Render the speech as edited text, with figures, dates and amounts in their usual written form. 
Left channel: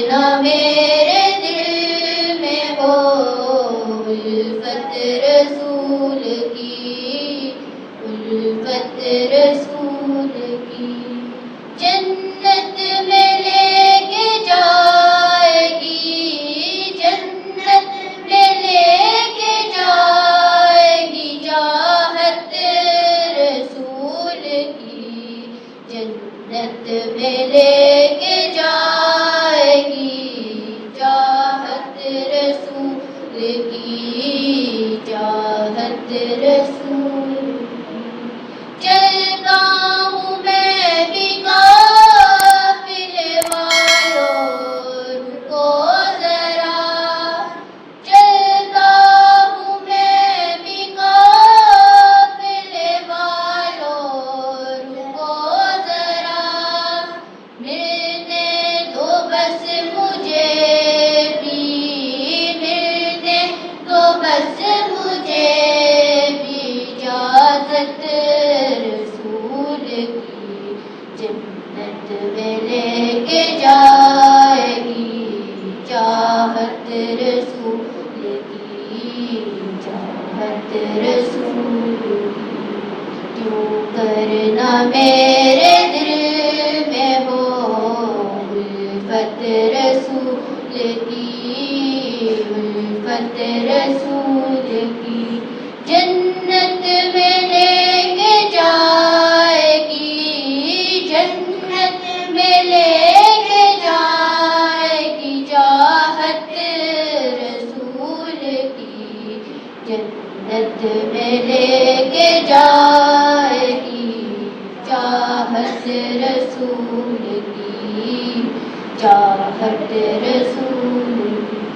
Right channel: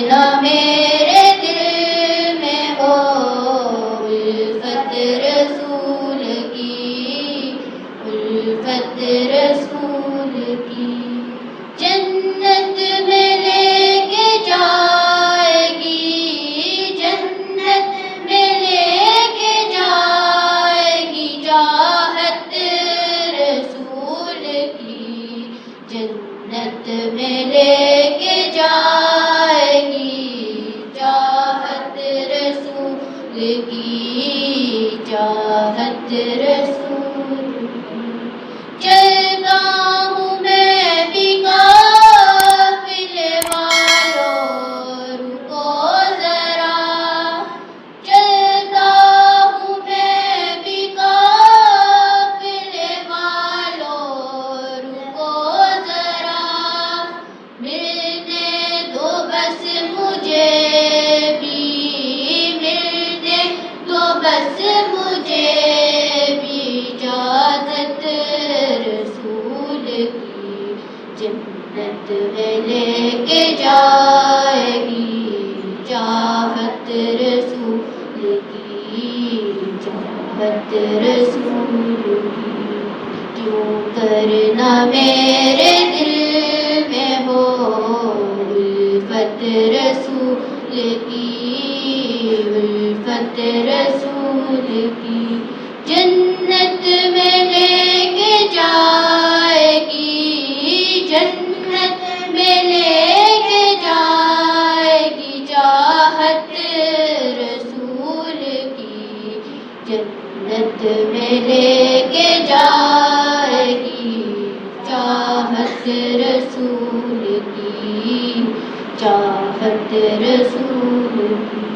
نہ میرے دل میں ہو الفت رسول کی، الفت رسول کی، جنت میں لے کے جائے گی، جنت میں لے کے جائے گی چاہت رسول کی، جنت میں لے کے جائے گی چاہت رسول کی، چاہت رسول کی۔ چلتا ہوں میں بھی قافلے والوں رکو ذرا، چلتا ہوں میں بھی قافلے والوں رکو ذرا، ملنے دو بس مجھے بھی، ملنے دو بس مجھے بھی اجازت رسول کی، جنت میں لے کے جائے گی چاہت رسول کی، چاہت رسول کی، کیوں کرنا میرے دل میں ہو الفت رسول کی، الفت رسول کی، جنت میں لے کے جائے گی، جنت میں لے کے جائے گی چاہت رسول کی، جنت میں لے کے جائے گی چاہت رسول کی، چاہت رسول کی۔